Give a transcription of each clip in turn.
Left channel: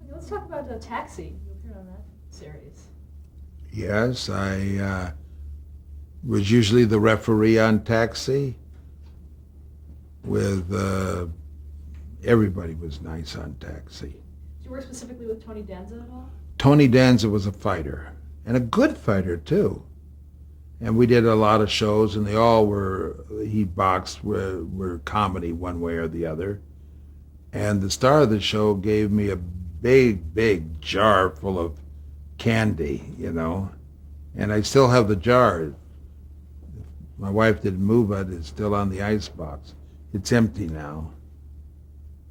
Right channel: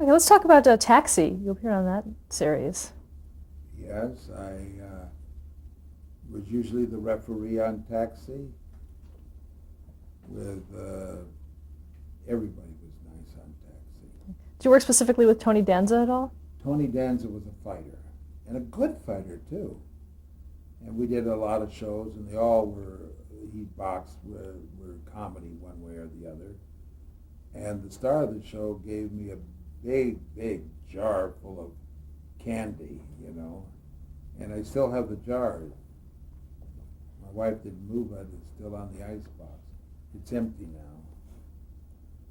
Okay, let's talk about Taxi. You appeared on that series. Yes, I was usually the referee on Taxi. With everybody was nice on Taxi. Did you work specifically with Tony Danza at all? Tony Danza was a fighter and a good fighter too. And we did a lot of shows, and they all were he boxed were comedy one way or the other. And the star of the show gave me a big jar full of candy. And I still have the jar. My wife didn't move it. It's still on the ice box. It's empty now.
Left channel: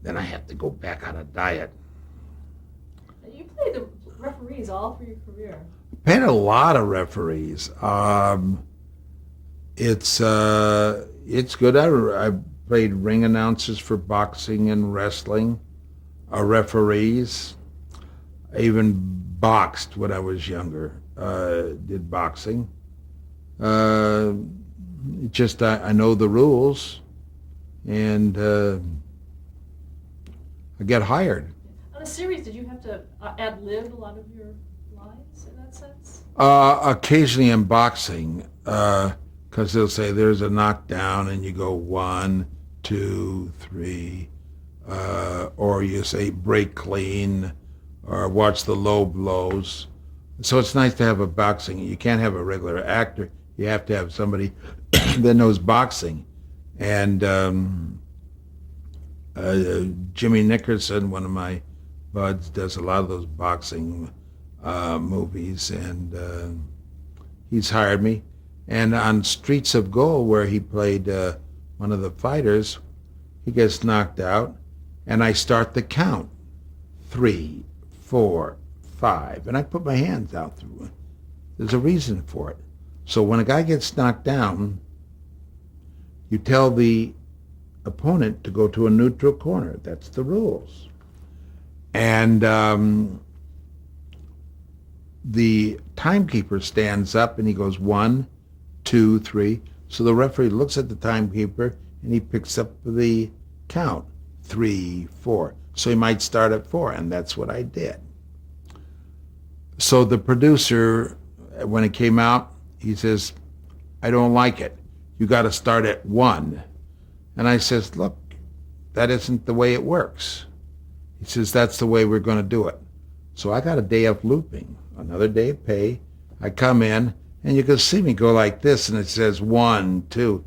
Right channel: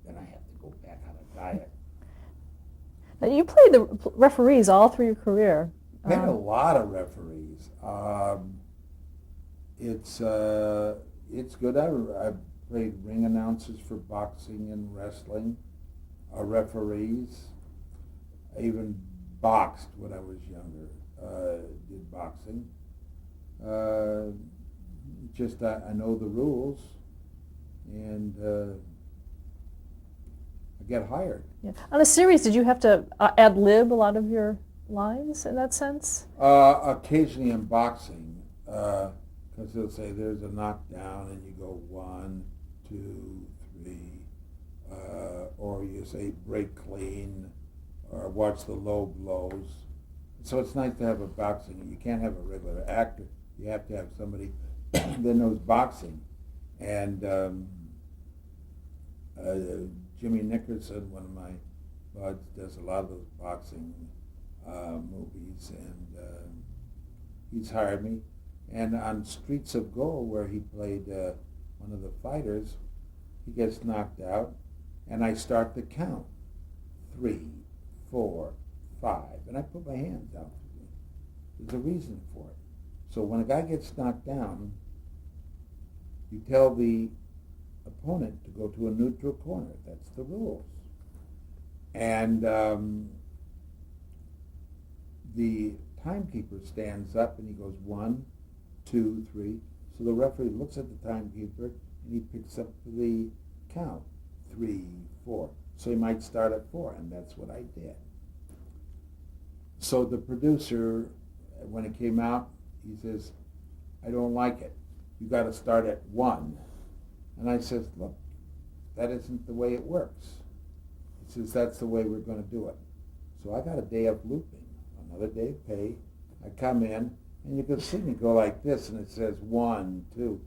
Then I have to go back on a diet. Now, you played the referees all through your career. Paid a lot of referees. It's good. I played ring announcers for boxing and wrestling, referees. I even boxed when I was younger. Did boxing. Uh, just I know the rules, and I get hired. Yeah. On a series, did you have to ad-lib a lot of your lines in that sense? Occasionally in boxing, because they'll say there's a knockdown, and you go 1, 2, 3, or you say break clean, or watch the low blows. So it's nice to have a boxing. You can't have a regular actor. You have to have somebody that knows boxing. And Jimmy Nickerson, one of my buds, does a lot of those boxing movies, and he's hired me. And on Streets of Gold, where he played one of the fighters, he gets knocked out, and I start the count: 3, 4, 5, and I put my hands out through it. There's a reason for it. So when a guy gets knocked down, you tell the opponent to go to a neutral corner. That's the rules. And the timekeeper stands up and he goes 1, 2, 3. So the referee looks at the timekeeper and he picks up the count: 3, 4. So he might start at 4, and that's what I did. So the producer, when it came out, he says, "I don't like it. You got to start at 1." And I says, "Look, that isn't the way it works." He says, "That's the way we're going to do it." So I got a day of looping, another day of pay. I come in, and you can see me go like this, and it says 1, 2.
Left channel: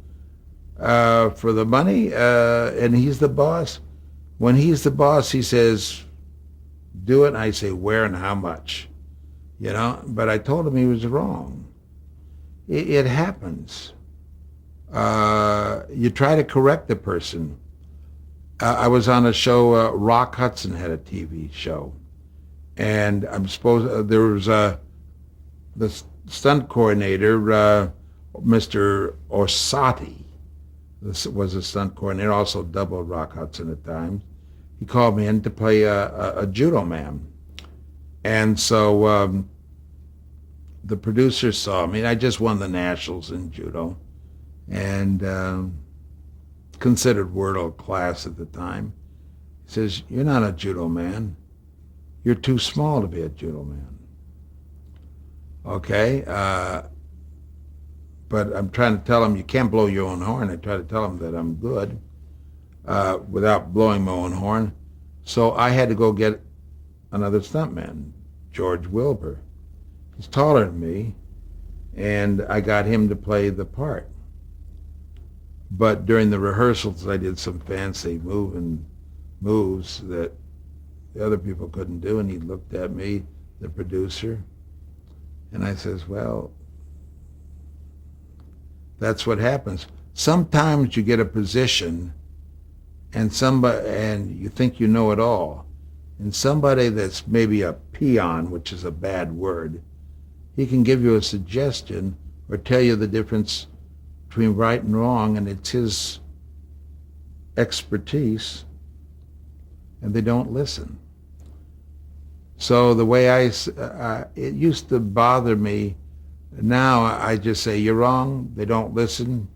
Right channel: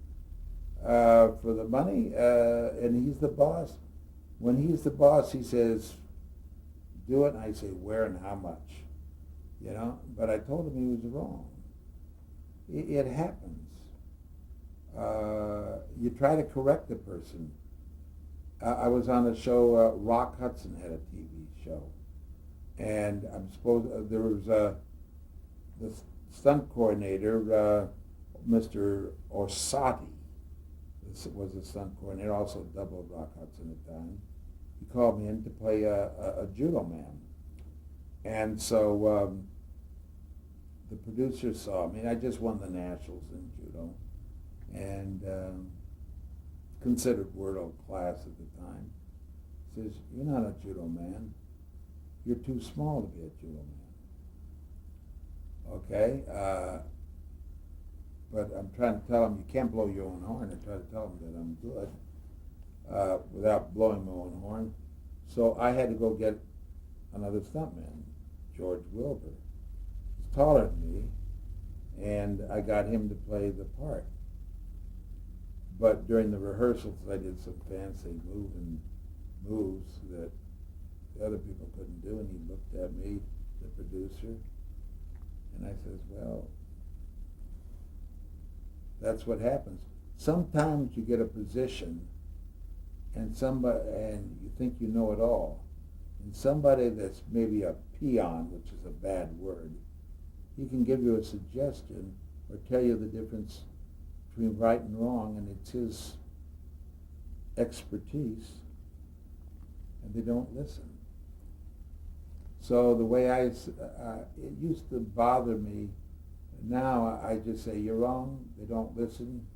For the money, and he's the boss. When he's the boss, he says, "Do it." And I say, "Where and how much?" But I told him he was wrong. It happens. You try to correct the person. I was on a show. Rock Hudson had a TV show, and I'm supposed there was the stunt coordinator, Mr. Orsatti. This was a stunt coordinator, also doubled Rock Hudson at times. He called me in to play a judo man, and so the producer saw me. I just won the nationals in judo, and considered world class at the time. He says, "You're not a judo man. You're too small to be a judo man." Okay, but I'm trying to tell him you can't blow your own horn. I try to tell him that I'm good without blowing my own horn. So I had to go get another stuntman, George Wilbur. He's taller than me, and I got him to play the part. But during the rehearsals, I did some fancy moves that the other people couldn't do, and he looked at me, the producer, and I says, "Well, that's what happens. Sometimes you get a position, and you think you know it all, and somebody that's maybe a peon, which is a bad word, he can give you a suggestion or tell you the difference between right and wrong, and it's his expertise, and they don't listen." So the way it used to bother me. Now I just say, "You're wrong." They don't listen.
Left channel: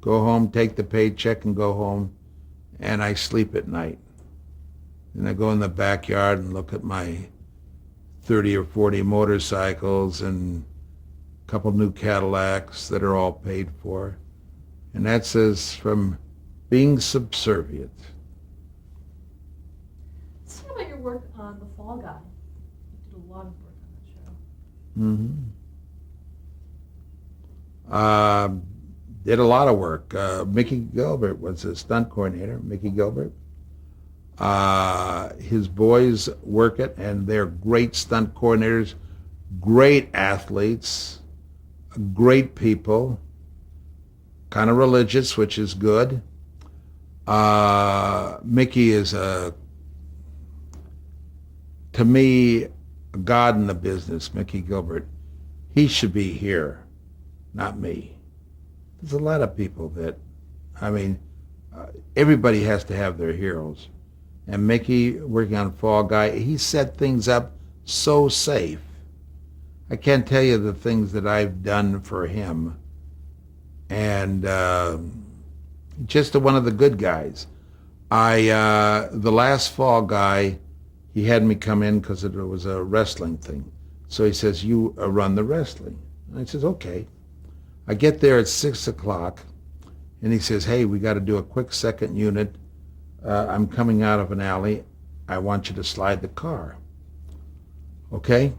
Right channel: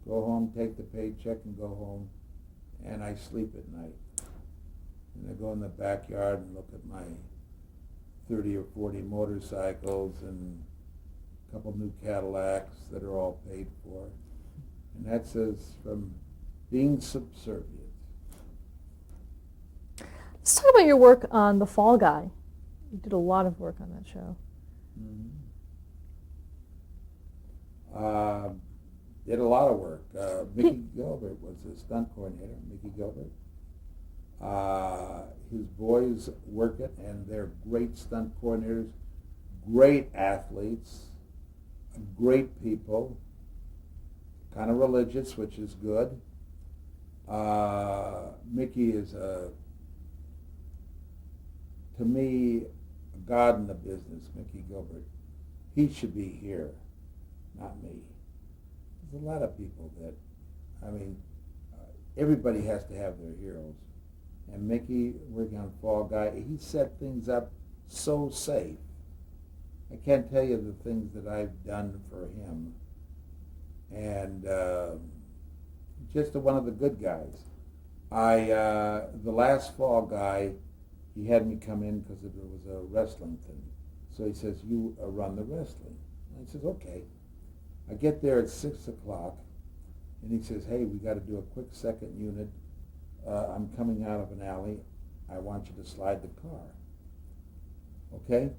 Go home, take the paycheck, and go home, and I sleep at night. And I go in the backyard and look at my 30 or 40 motorcycles and a couple new Cadillacs that are all paid for. And that says from being subservient. Let's talk about your work on The Fall Guy. You did a lot of work on that show. Mm-hmm. Did a lot of work. Mickey Gilbert was a stunt coordinator, Mickey Gilbert. His boys work it, and they're great stunt coordinators, great athletes, great people, kind of religious, which is good. Mickey is, to me, a god in the business, Mickey Gilbert. He should be here, not me. There's a lot of people that, everybody has to have their heroes. And Mickey, working on Fall Guy, he set things up so safe. I can't tell you the things that I've done for him. And just one of the good guys. The last Fall Guy, he had me come in because it was a wrestling thing. So he says, you run the wrestling. And I says, okay. I get there at 6 o'clock, and he says, hey, we got to do a quick second unit. I'm coming out of an alley. I want you to slide the car. Okay?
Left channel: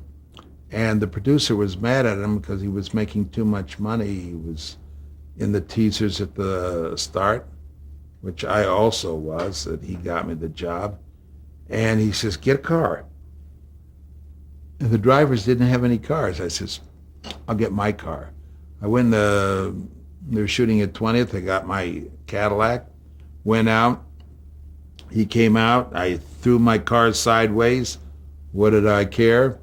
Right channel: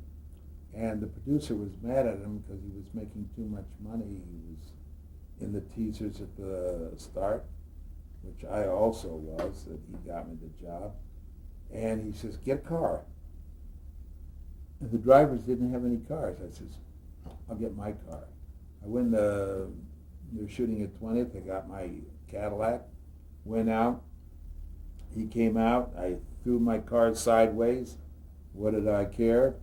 And the producer was mad at him because he was making too much money. He was in the teasers at the start, which I also was, that he got me the job. And he says, get a car. And the drivers didn't have any cars. I says, I'll get my car. I went they were shooting at 20th. I got my Cadillac, went out. He came out. I threw my car sideways. What did I care?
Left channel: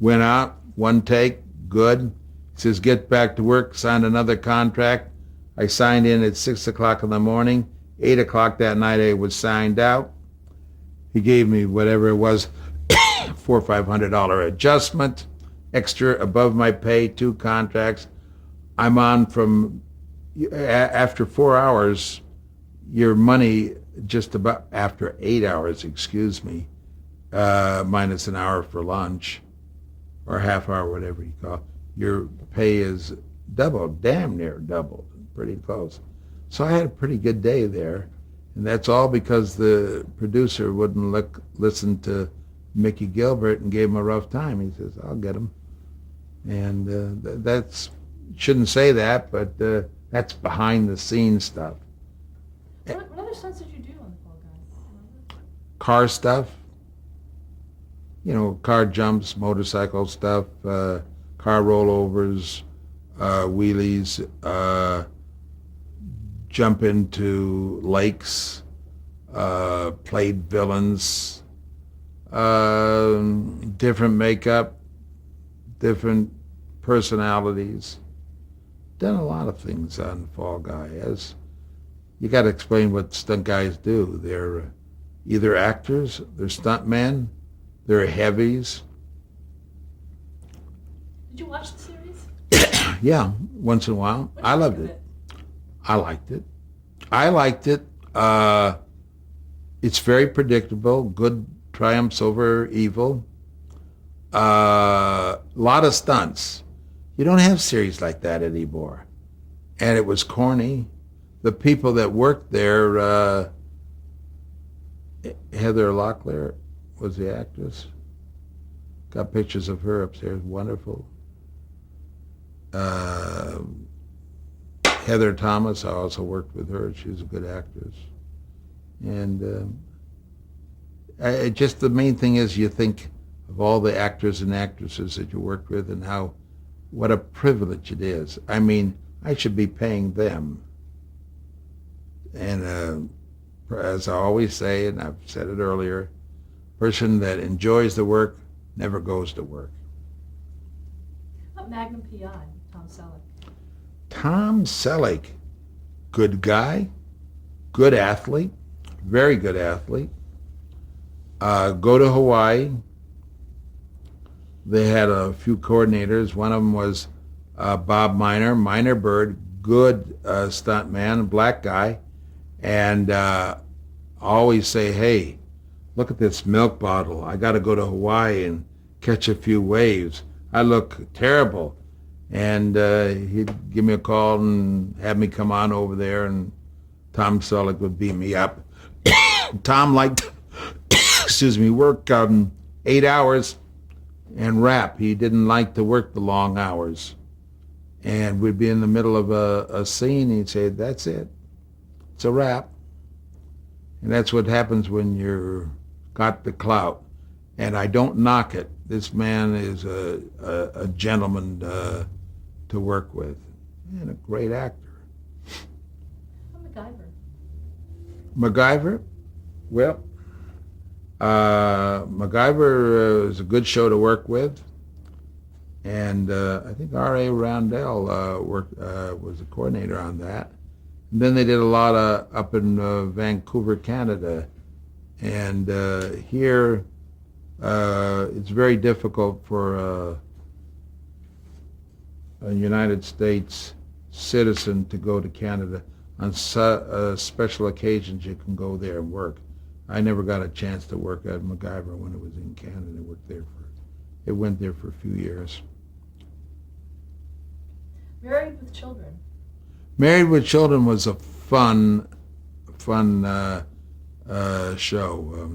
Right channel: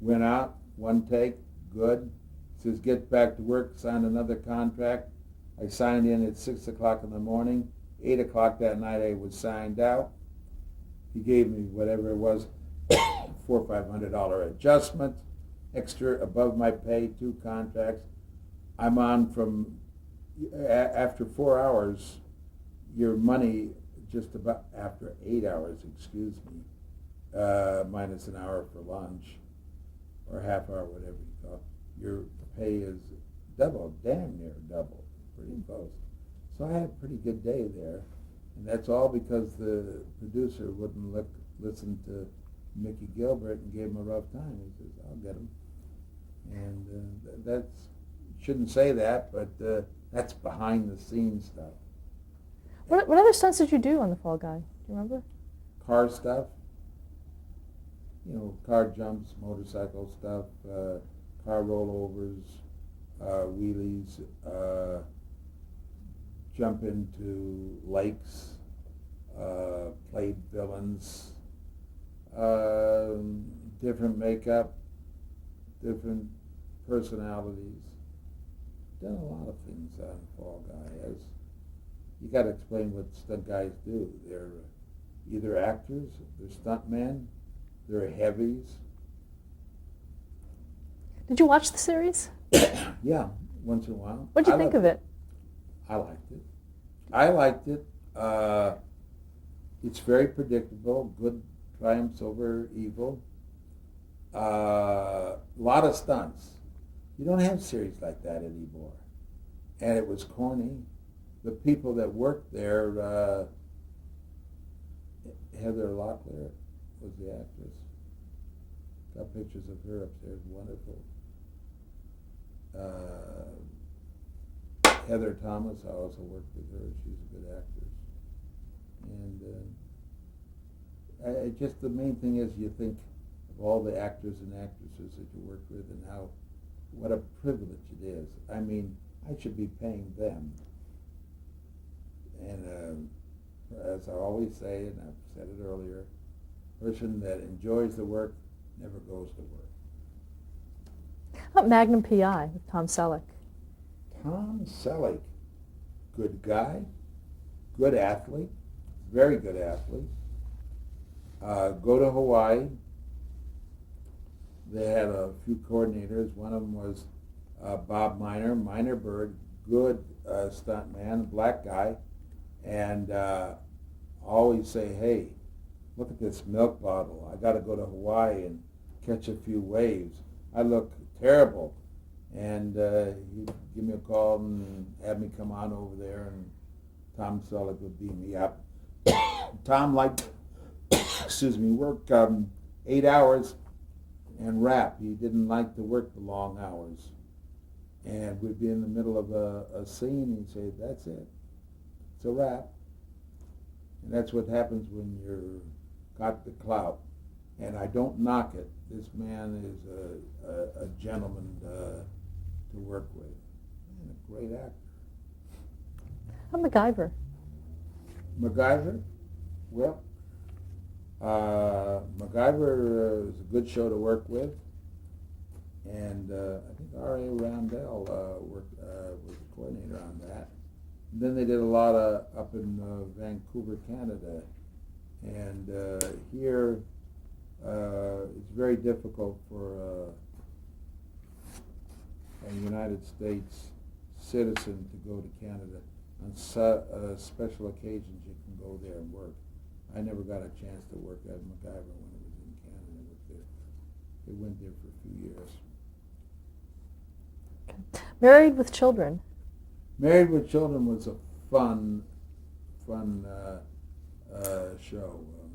Went out, one take, good. He says, get back to work, signed another contract. I signed in at 6 o'clock in the morning. 8 o'clock that night I was signed out. He gave me whatever it was, $400 or $500 adjustment, extra above my pay, 2 contracts. I'm on from, after 4 hours, your money just about, after 8 hours, minus an hour for lunch, or half hour, whatever you call it, your pay is doubled, damn near doubled, pretty close. So I had a pretty good day there, and that's all because the producer wouldn't listen to Mickey Gilbert and gave him a rough time. He says, I'll get him. And that's, shouldn't say that, but that's behind the scenes stuff. What other stunts did you do on The Fall Guy? Remember? Car stuff, car jumps, motorcycle stuff, car rollovers, wheelies, jump into lakes, played villains, different makeup, different personalities. Done a lot of things on Fall Guy. As you got to explain what stunt guys do. They're either actors, they're stuntmen, they're heavies. Did you watch the series? Yeah, once in a while. What did you think of it? I liked it. It's very predictable. Good triumphs over evil. A lot of stunts. You don't have series like that anymore. And it was corny. The people that worked there, Heather Locklear was the actress. Got pictures of her upstairs. Wonderful. Heather Thomas, I also worked with her. She was a good actress. And just the main thing is you think of all the actors and actresses that you worked with and what a privilege it is. I mean, I should be paying them. And as I always say, and I've said it earlier, person that enjoys the work never goes to work. How about Magnum P.I. with Tom Selleck? Tom Selleck, good guy, good athlete, very good athlete. Go to Hawaii. They had a few coordinators. One of them was Bob Miner Bird, good stunt man, black guy. And I always say, hey, look at this milk bottle. I got to go to Hawaii and catch a few waves. I look terrible. And he'd give me a call and have me come on over there, and Tom Selleck would beat me up. Tom liked, excuse me, work 8 hours and rap. He didn't like to work the long hours. And we'd be in the middle of a scene. He'd say, "That's it. It's a wrap." And that's what happens when you're got the clout. And I don't knock it. This man is a gentleman to work with, and a great actor. How MacGyver? MacGyver, well, MacGyver is a good show to work with, and I think R.A. Roundell was the coordinator on that. And then they did a lot up in Vancouver, Canada, and here it's very difficult for a United States citizen to go to Canada. On special occasions, you can go there and work. I never got a chance to work at MacGyver when it was in Canada. It went there for a few years. Okay. Married with Children. Married with Children was a fun show.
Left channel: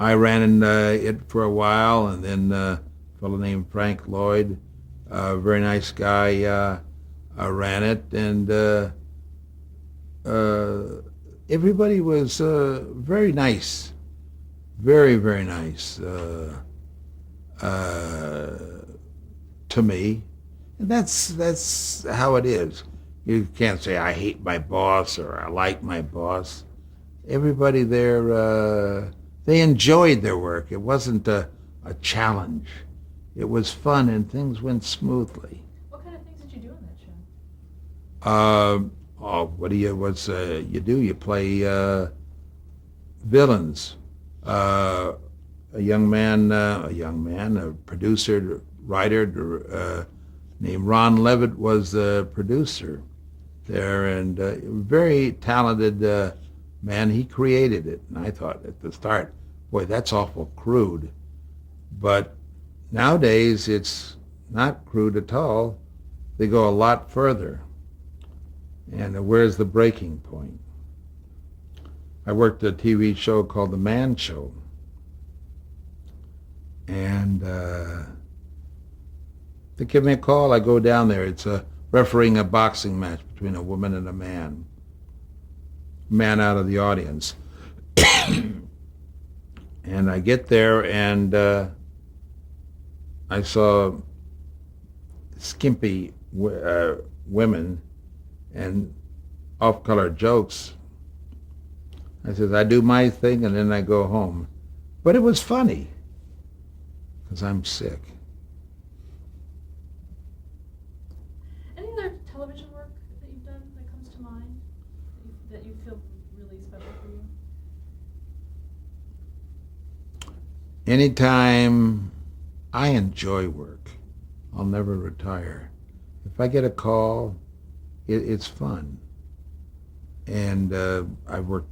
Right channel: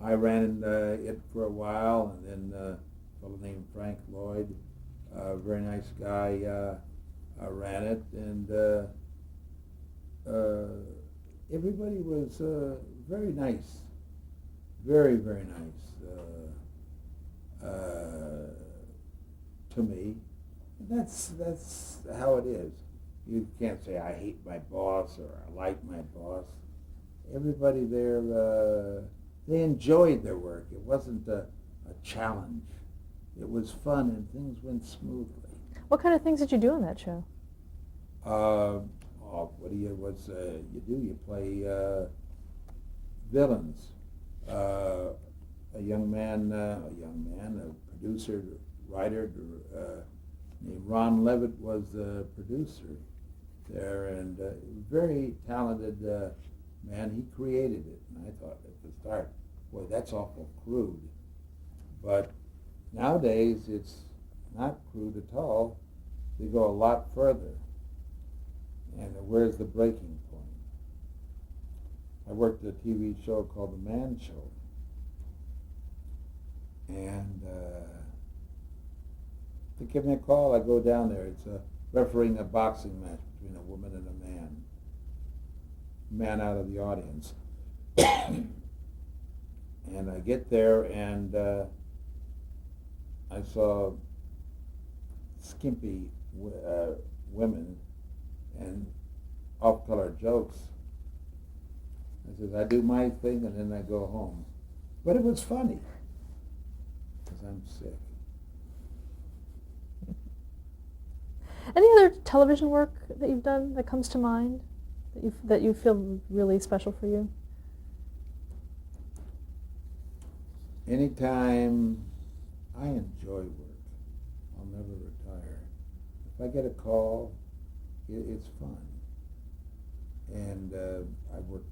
I ran it for a while, and then a fellow named Frank Lloyd, a very nice guy, ran it, and everybody was very nice, very, very nice to me. And that's how it is. You can't say I hate my boss or I like my boss. Everybody there, they enjoyed their work. It wasn't a challenge. It was fun and things went smoothly. What kind of things did you do on that show? What do you do? You play villains. A producer, writer named Ron Levitt was the producer there, and very talented man. He created it, and I thought at the start, boy, that's awful crude. But nowadays, it's not crude at all. They go a lot further. And where's the breaking point? I worked a TV show called The Man Show. And they give me a call. I go down there. It's refereeing a boxing match between a woman and a man. Man out of the audience. And I get there, and I saw skimpy women and off-color jokes. I said, I do my thing, and then I go home. But it was funny, because I'm sick. Any other television work that you've done that comes to mind that you feel really special for you? Anytime I enjoy work, I'll never retire. If I get a call, it's fun. And I've worked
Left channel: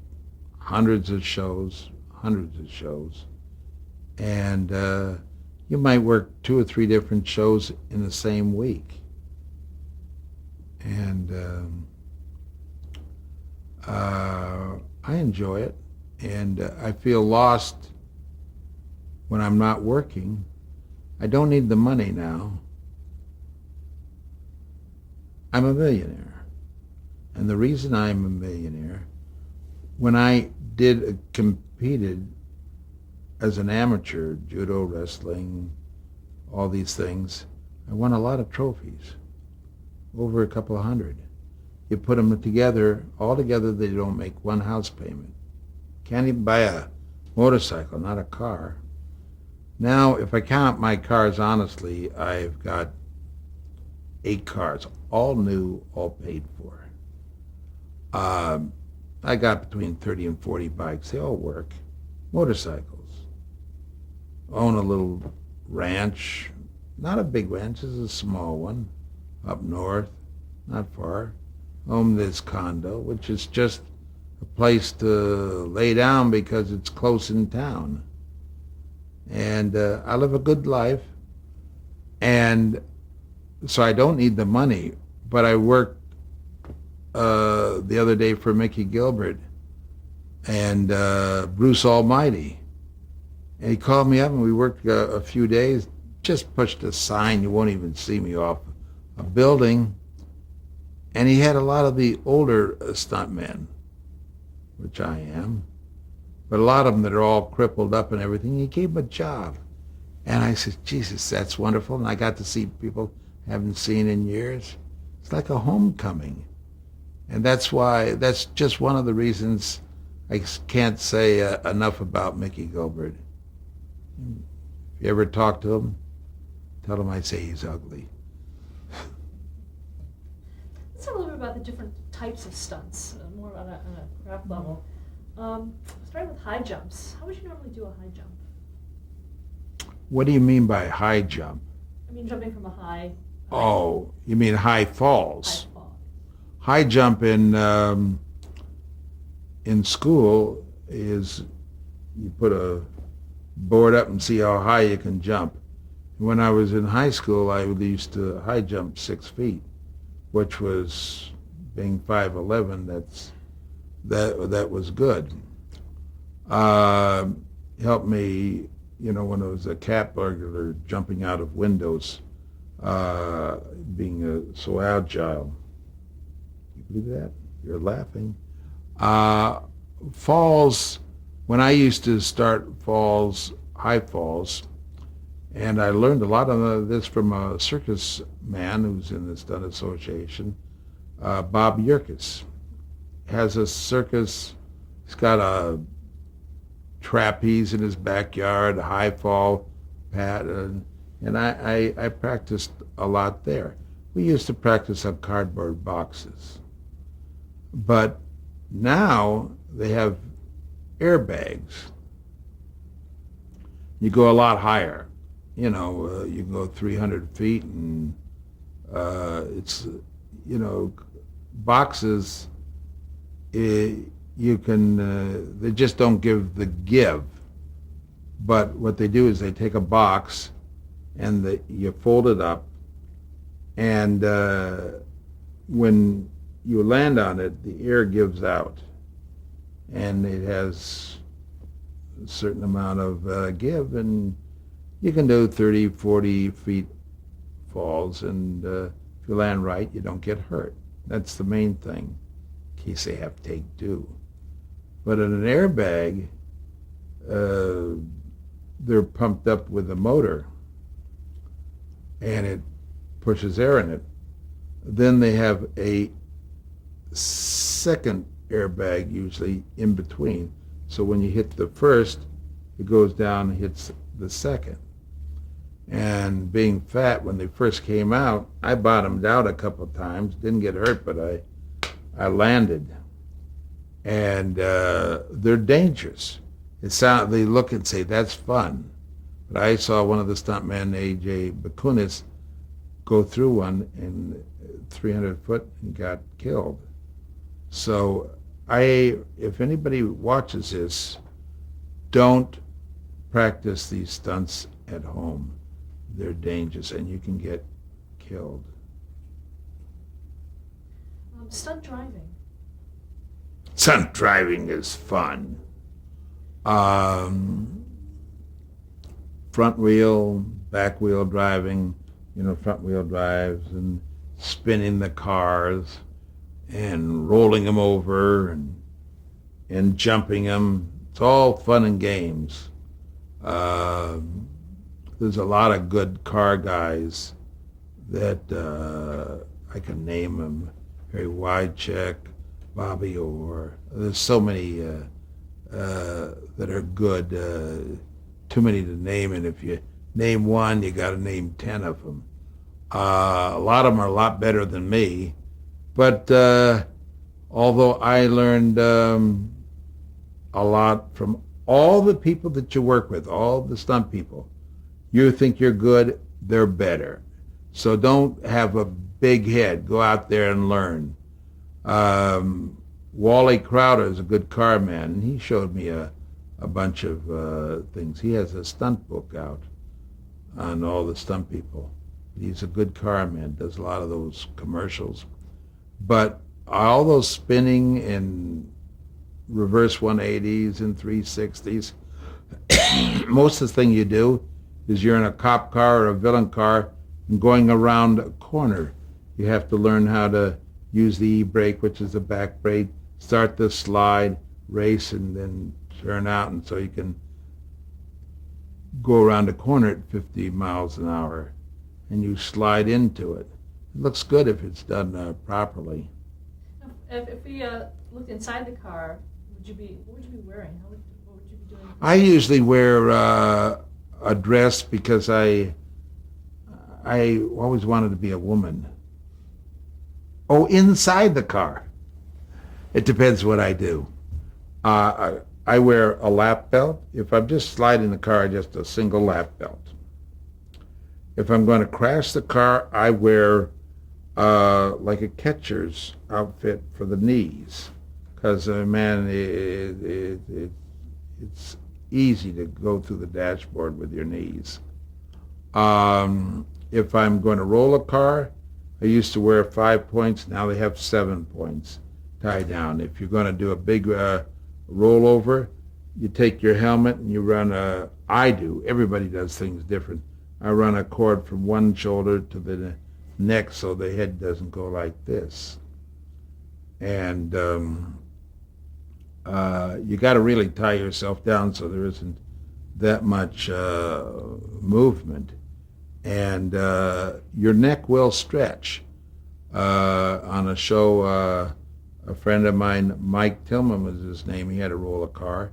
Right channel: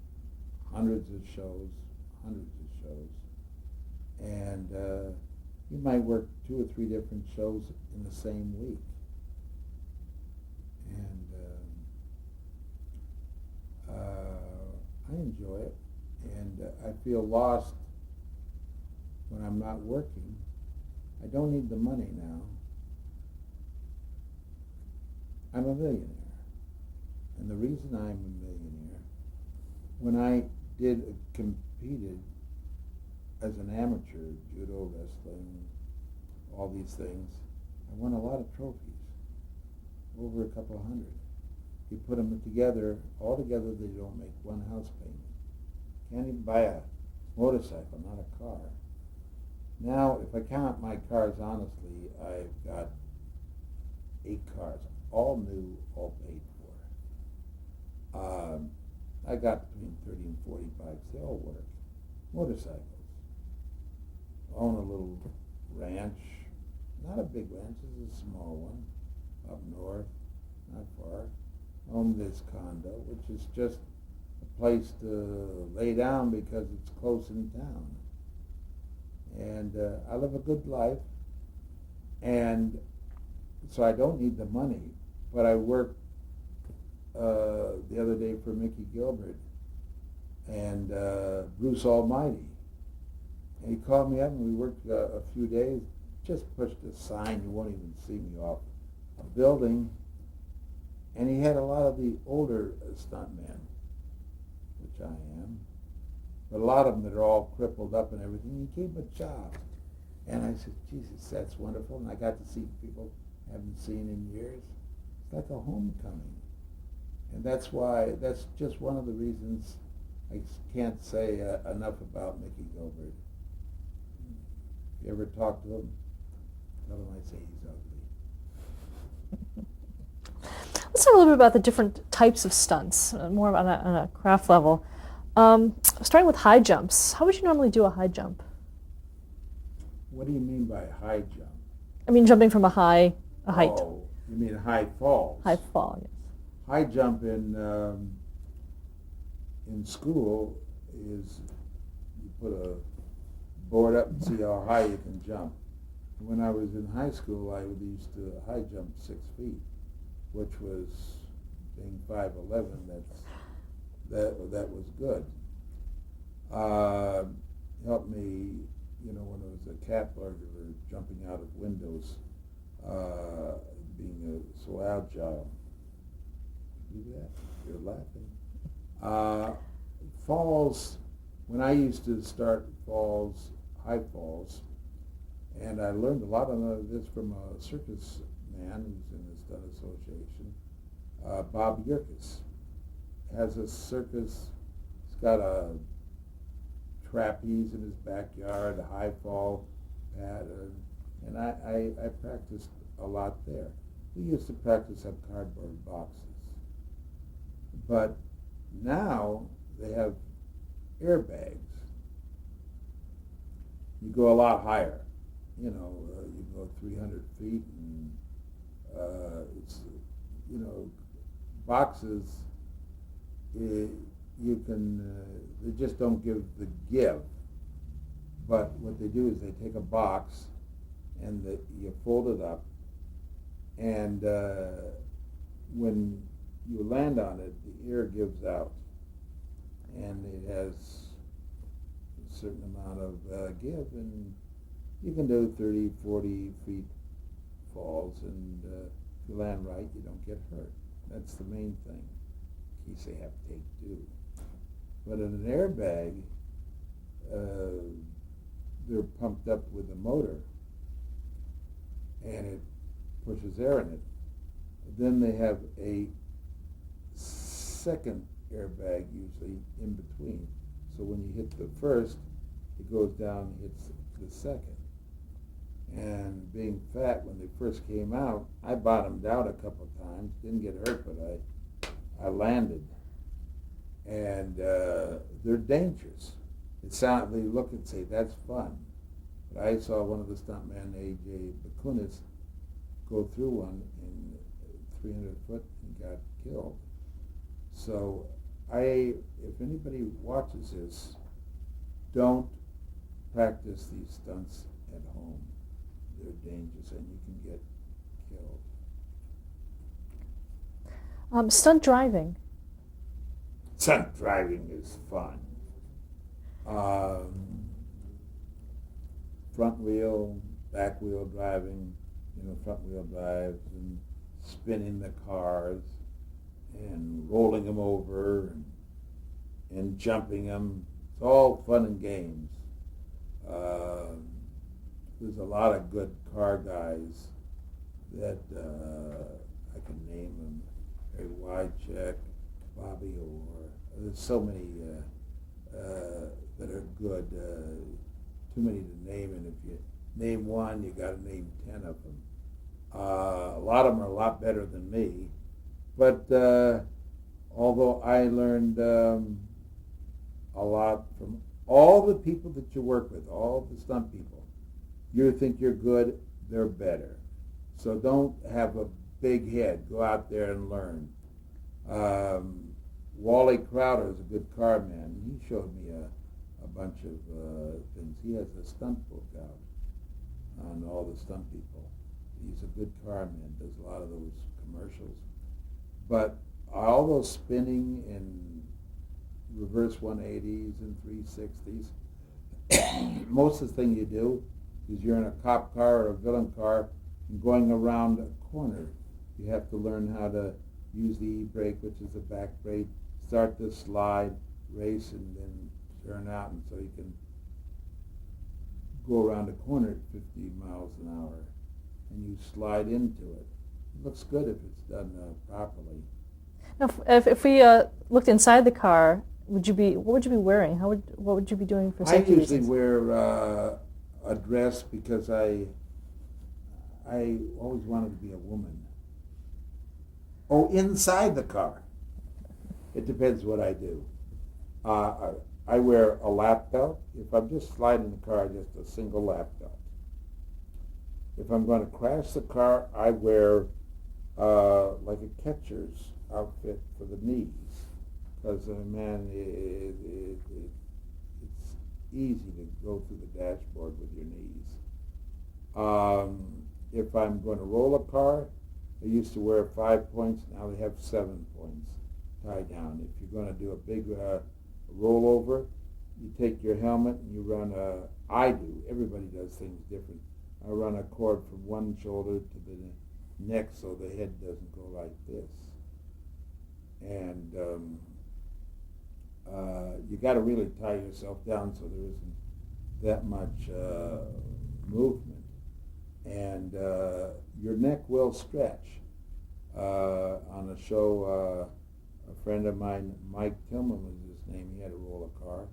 hundreds of shows. And you might work 2 or 3 different shows in the same week. And I enjoy it. And I feel lost when I'm not working. I don't need the money now. I'm a millionaire. And the reason I'm a millionaire, when I competed as an amateur, judo, wrestling, all these things, I won a lot of trophies, over a couple of hundred. You put them together, all together they don't make one house payment. Can't even buy a motorcycle, not a car. Now, if I count my cars honestly, I've got 8 cars, all new, all paid for. I got between 30 and 40 bikes. They all work. Motorcycles. Own a little ranch. Not a big ranch, it's a small one. Up north, not far. Own this condo, which is just a place to lay down because it's close in town. And I live a good life, and so I don't need the money. But I worked the other day for Mickey Gilbert and Bruce Almighty. And he called me up and we worked a few days, just pushed a sign, you won't even see me off a building. And he had a lot of the older stuntmen, which I am, but a lot of them that are all crippled up and everything. He gave them a job. And I said, Jesus, that's wonderful. And I got to see people I haven't seen in years. It's like a homecoming. And that's just one of the reasons I can't say enough about Mickey Gilbert. If you ever talk to him, tell him I say he's ugly. Let's talk a little bit about the different types of stunts, more on a craft level. Starting with high jumps. How would you normally do a high jump? What do you mean by high jump? I mean, jumping from a height. Oh, you mean high falls? High fall. Yes. High jump in school is you put a board up and see how high you can jump. When I was in high school, I used to high jump 6 feet, which was, being 5'11", that was good. Helped me, when I was a cat burglar, jumping out of windows, being so agile. You believe that? You're laughing. Falls, when I used to start falls, high falls, and I learned a lot of this from a circus man who's in the Stunt Association, Bob Yerkes. Has a circus, he's got a trapeze in his backyard, a high fall pattern, and I practiced a lot there. We used to practice on cardboard boxes. But now they have airbags. You go a lot higher. You can go 300 feet, and it's, boxes, you can, they just don't give the give. But what they do is they take a box and you fold it up, and when you land on it, the air gives out, and it has a certain amount of give, and you can do 30, 40 feet falls, and if you land right, you don't get hurt. That's the main thing, in case they have take two. But in an airbag, they're pumped up with a motor, and it pushes air in it. Then they have a second airbag usually in between. So when you hit the first, it goes down and hits the second. And being fat, when they first came out, I bottomed out a couple of times. Didn't get hurt, but I landed. And they're dangerous. They look and say, that's fun. But I saw one of the stuntmen, A.J. Bakunis, go through one in 300 foot and got killed. So if anybody watches this, don't practice these stunts at home. They're dangerous and you can get killed. Stunt driving. Stunt driving is fun. Front wheel, back wheel driving, front wheel drives, and spinning the cars and rolling them over and jumping them. It's all fun and games. There's a lot of good car guys that I can name them. Harry Wycheck, Bobby Orr. There's so many that are good. Too many to name, and if you name one, you got to name 10 of them. A lot of them are a lot better than me, but although I learned a lot from all the people that you work with, all the stunt people. You think you're good, they're better. So don't have a big head. Go out there and learn. Wally Crowder is a good car man, and he showed me a bunch of things. He has a stunt book out on all the stunt people. He's a good car man, does a lot of those commercials. But all those spinning and reverse 180s and 360s, most of the thing you do is you're in a cop car or a villain car and going around a corner. You have to learn how to use the e-brake, which is the back brake, start the slide, race, and then turn out, and so you can go around a corner at 50 miles an hour, and you slide into it. It looks good if it's done properly. Now, if we looked inside the car, what would you be wearing? What would you be doing for I safety? usually wear a dress because I always wanted to be a woman. Oh, inside the car. It depends what I do. I wear a lap belt. If I'm just sliding the car, just a single lap belt. If I'm going to crash the car, I wear like a catcher's outfit for the knees, because man, it's easy to go through the dashboard with your knees. If I'm going to roll a car, I used to wear 5 points. Now they have 7 points tied down. If you're going to do a big rollover, you take your helmet and you run I do. Everybody does things different. I run a cord from one shoulder to the neck so the head doesn't go like this. And you got to really tie yourself down so there isn't that much movement. And your neck will stretch. On a show, a friend of mine, Mike Tillman was his name, he had to roll a car,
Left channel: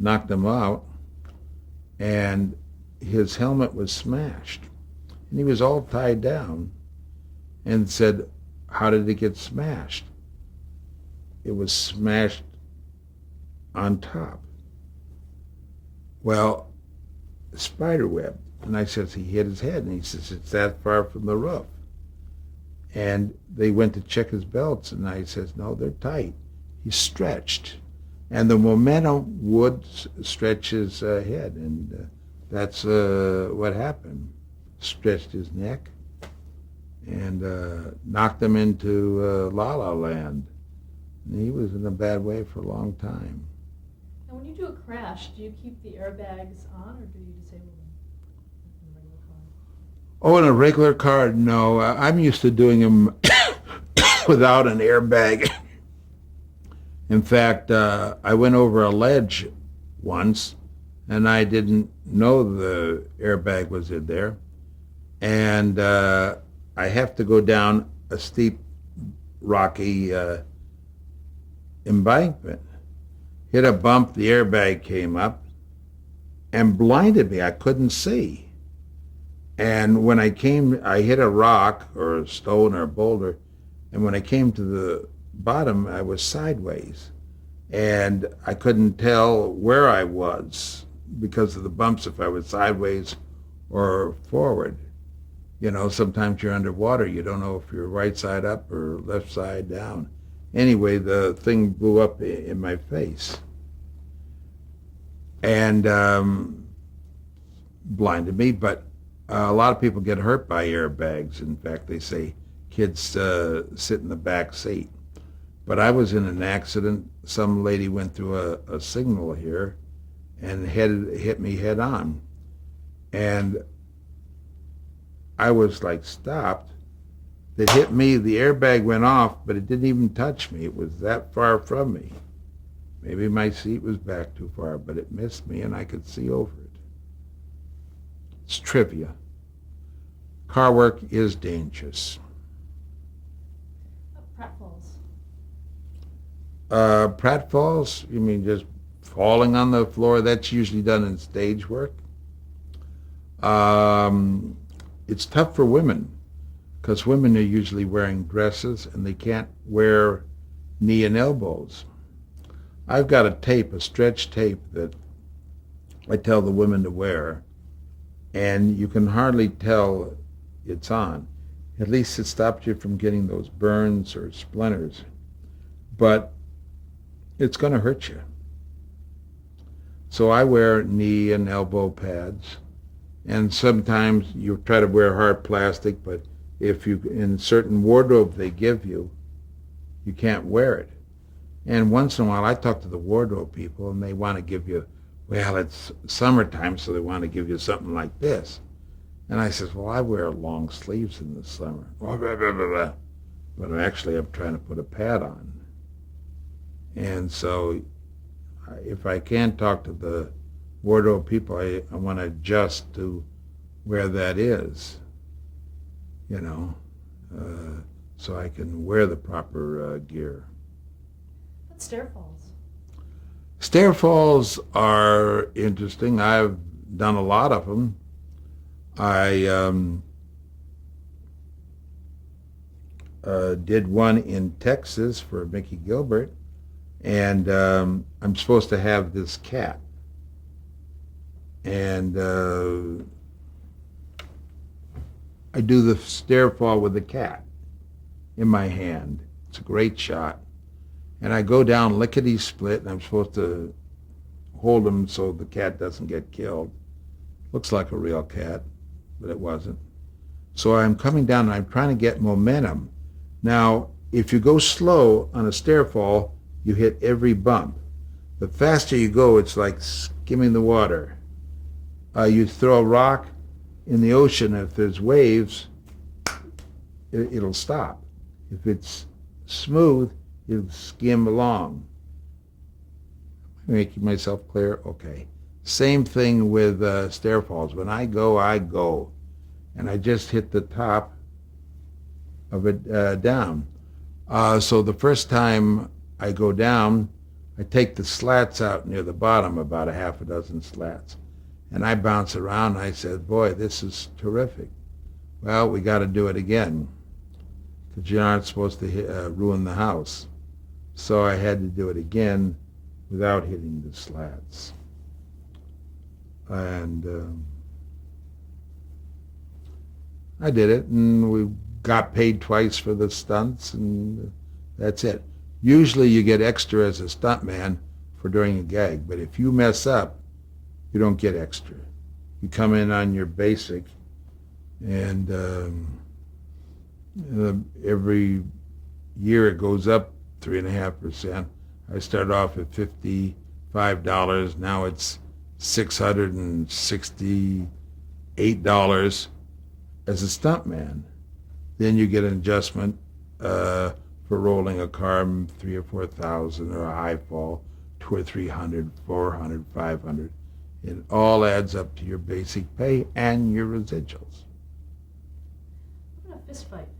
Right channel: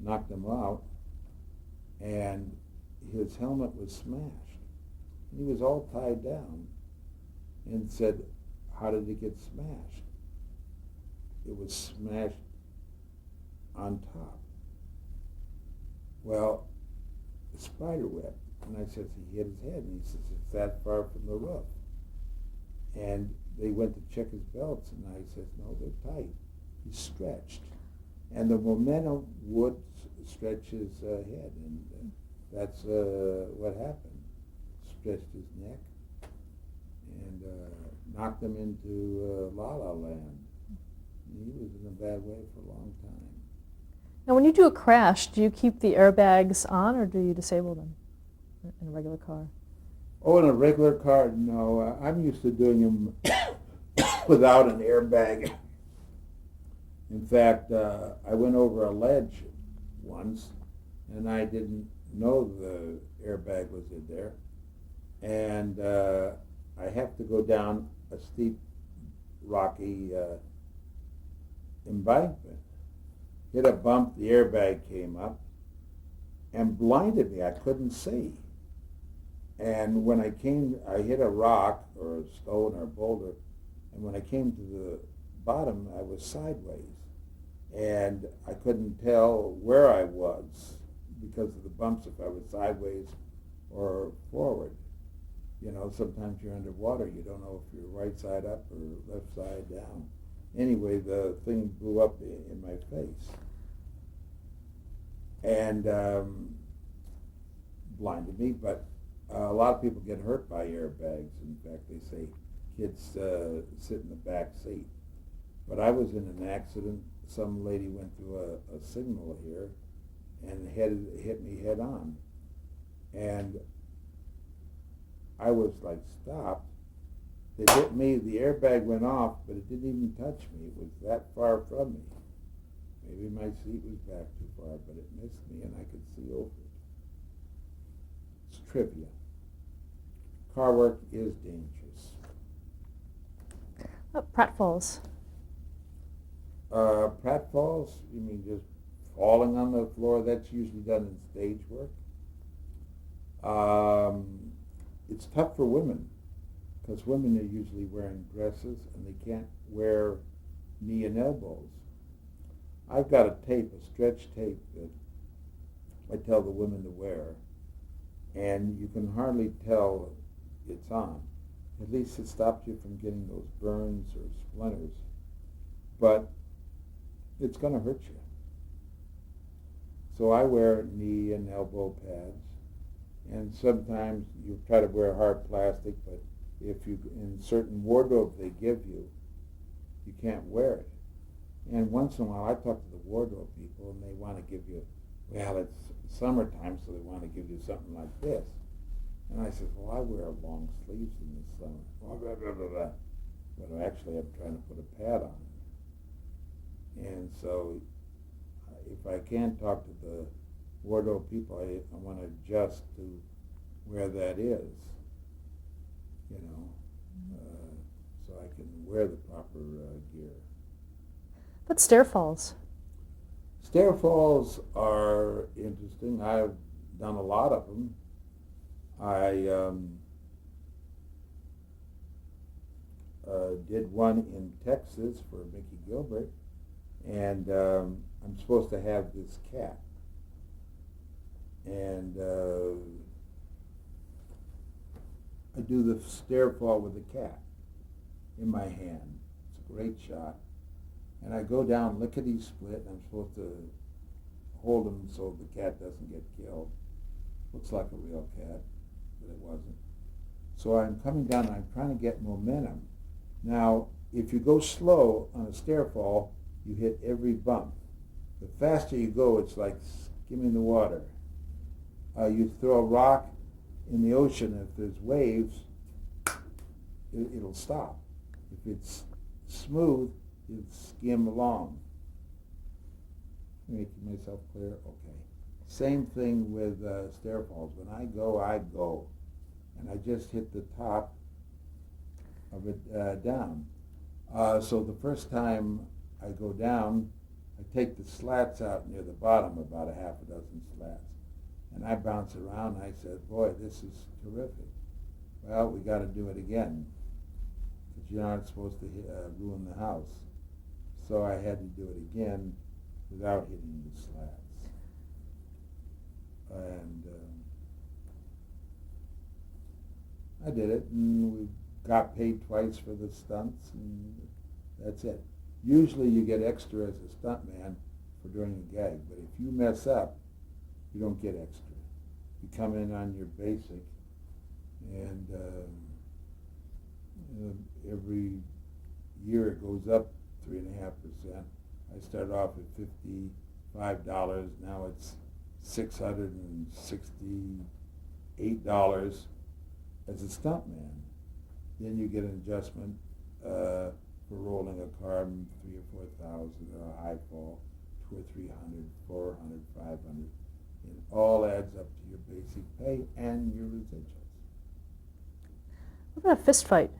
knocked him out, and his helmet was smashed. And he was all tied down and said, how did it get smashed? It was smashed on top. Well, spider web. And I says, he hit his head. And he says, it's that far from the roof. And they went to check his belts, and I says, no, they're tight. He's stretched. And the momentum would stretch his head, and that's what happened. Stretched his neck and knocked him into La La Land. And he was in a bad way for a long time. Now, when you do a crash, do you keep the airbags on, or do you disable them in a regular car? Oh, in a regular car, no. I'm used to doing them without an airbag. In fact, I went over a ledge once, and I didn't know the airbag was in there. And I have to go down a steep, rocky embankment. Hit a bump, the airbag came up and blinded me. I couldn't see. And when I hit a rock or a stone or a boulder, and when I came to the bottom, I was sideways. And I couldn't tell where I was because of the bumps, if I was sideways or forward. You know, sometimes you're underwater, you don't know if you're right side up or left side down. Anyway, the thing blew up in my face and blinded me, but a lot of people get hurt by airbags. In fact, they say kids sit in the back seat. But I was in an accident. Some lady went through a signal here and hit me head on. And I was like stopped. It hit me, the airbag went off, but it didn't even touch me. It was that far from me. Maybe my seat was back too far, but it missed me and I could see over it. It's trivia. Car work is dangerous. Pratfalls. Pratfalls, you mean just falling on the floor? That's usually done in stage work. It's tough for women because women are usually wearing dresses and they can't wear knee and elbows. I've got a tape, a stretch tape that I tell the women to wear, and you can hardly tell it's on. At least it stops you from getting those burns or splinters. But it's going to hurt you. So I wear knee and elbow pads, and sometimes you try to wear hard plastic, but if you in certain wardrobe they give you, you can't wear it. And once in a while, I talk to the wardrobe people, and they want to give you, well, it's summertime, so they want to give you something like this. And I says, well, I wear long sleeves in the summer. Blah, blah, blah, blah, blah. But actually, I'm trying to put a pad on. And so if I can talk to the wardrobe people, I want to adjust to where that is, you know, so I can wear the proper gear. But stair falls. Stair falls are interesting. I've done a lot of them. I did one in Texas for Mickey Gilbert, and I'm supposed to have this cat. And I do the stair fall with the cat in my hand. It's a great shot. And I go down lickety-split, and I'm supposed to hold him so the cat doesn't get killed. Looks like a real cat, but it wasn't. So I'm coming down, and I'm trying to get momentum. Now, if you go slow on a stair fall, you hit every bump. The faster you go, it's like skimming the water. You throw a rock in the ocean, if there's waves, it'll stop. If it's smooth, it'll skim along. Making myself clear? Okay. Same thing with stair falls. When I go, I go. And I just hit the top of it down. So the first time I go down, I take the slats out near the bottom, about a half a dozen slats. And I bounce around, and I said, boy, this is terrific. Well, we got to do it again, because you aren't supposed to ruin the house. So I had to do it again without hitting the slats. And I did it, and we got paid twice for the stunts, and that's it. Usually you get extra as a stuntman for doing a gag, but if you mess up, you don't get extra. You come in on your basic, and every year it goes up 3.5%. I started off at $55. Now it's $668 as a stuntman. Then you get an adjustment for rolling a car, 3,000 or 4,000, or a high fall, 200 or 300, 400, 500. It all adds up to your basic pay and your residuals. What about a fist fight?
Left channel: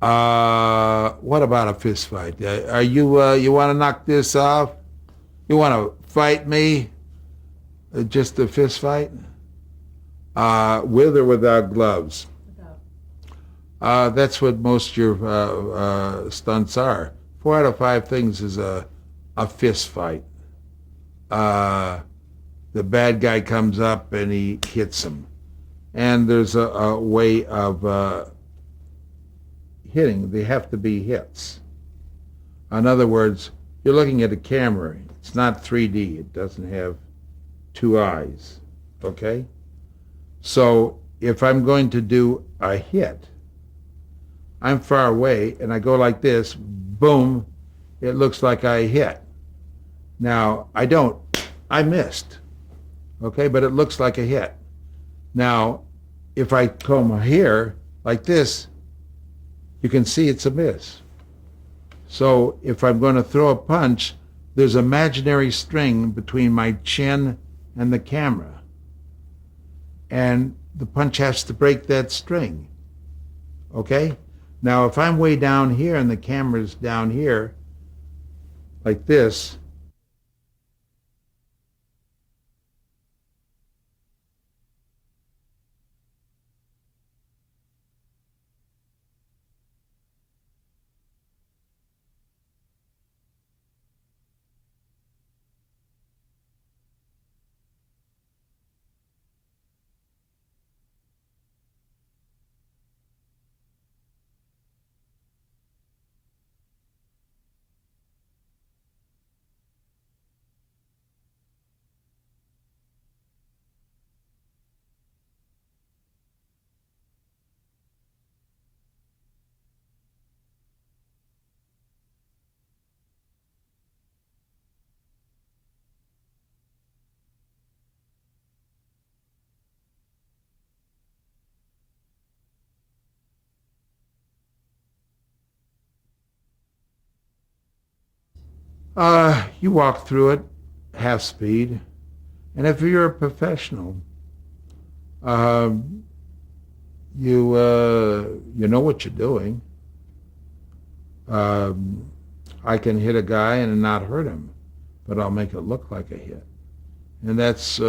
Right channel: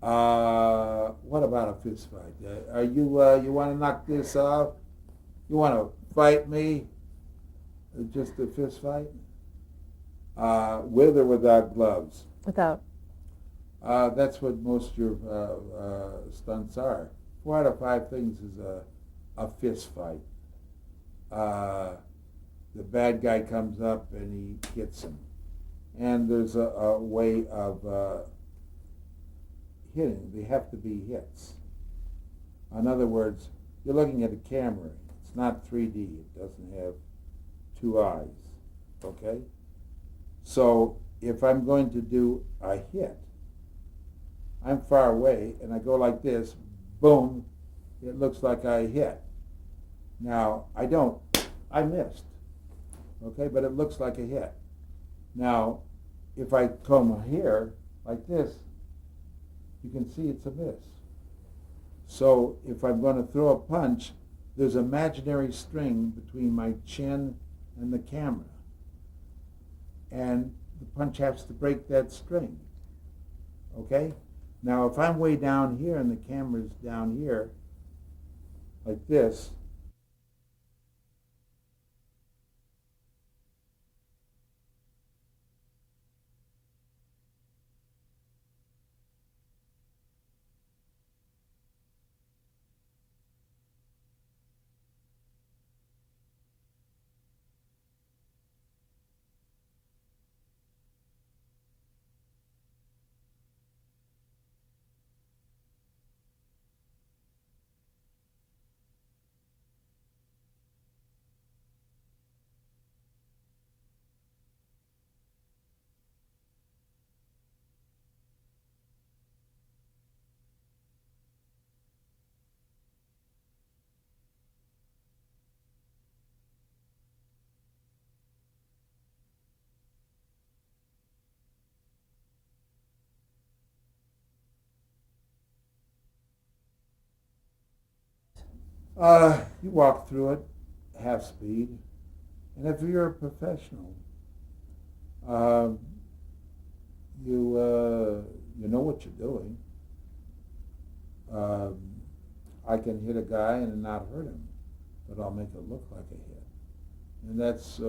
What about a fist fight? Are you you want to knock this off? You want to fight me? Just a fist fight? With or without gloves? Without. That's what most of your stunts are. 4 out of 5 things is a fist fight. The bad guy comes up and he hits him. And there's a way of hitting. They have to be hits. In other words, you're looking at a camera. It's not 3D. It doesn't have 2 eyes. Okay? So if I'm going to do a hit, I'm far away and I go like this, boom, it looks like I hit. Now, I missed, okay, but it looks like a hit. Now, if I come here like this, you can see it's a miss. So if I'm going to throw a punch, there's imaginary string between my chin and the camera. And the punch has to break that string, okay? Now, if I'm way down here and the camera's down here, like this, You walk through it half speed, and if you're a professional, um, you know what you're doing. Um, I can hit a guy and not hurt him, but I'll make it look like a hit, and that's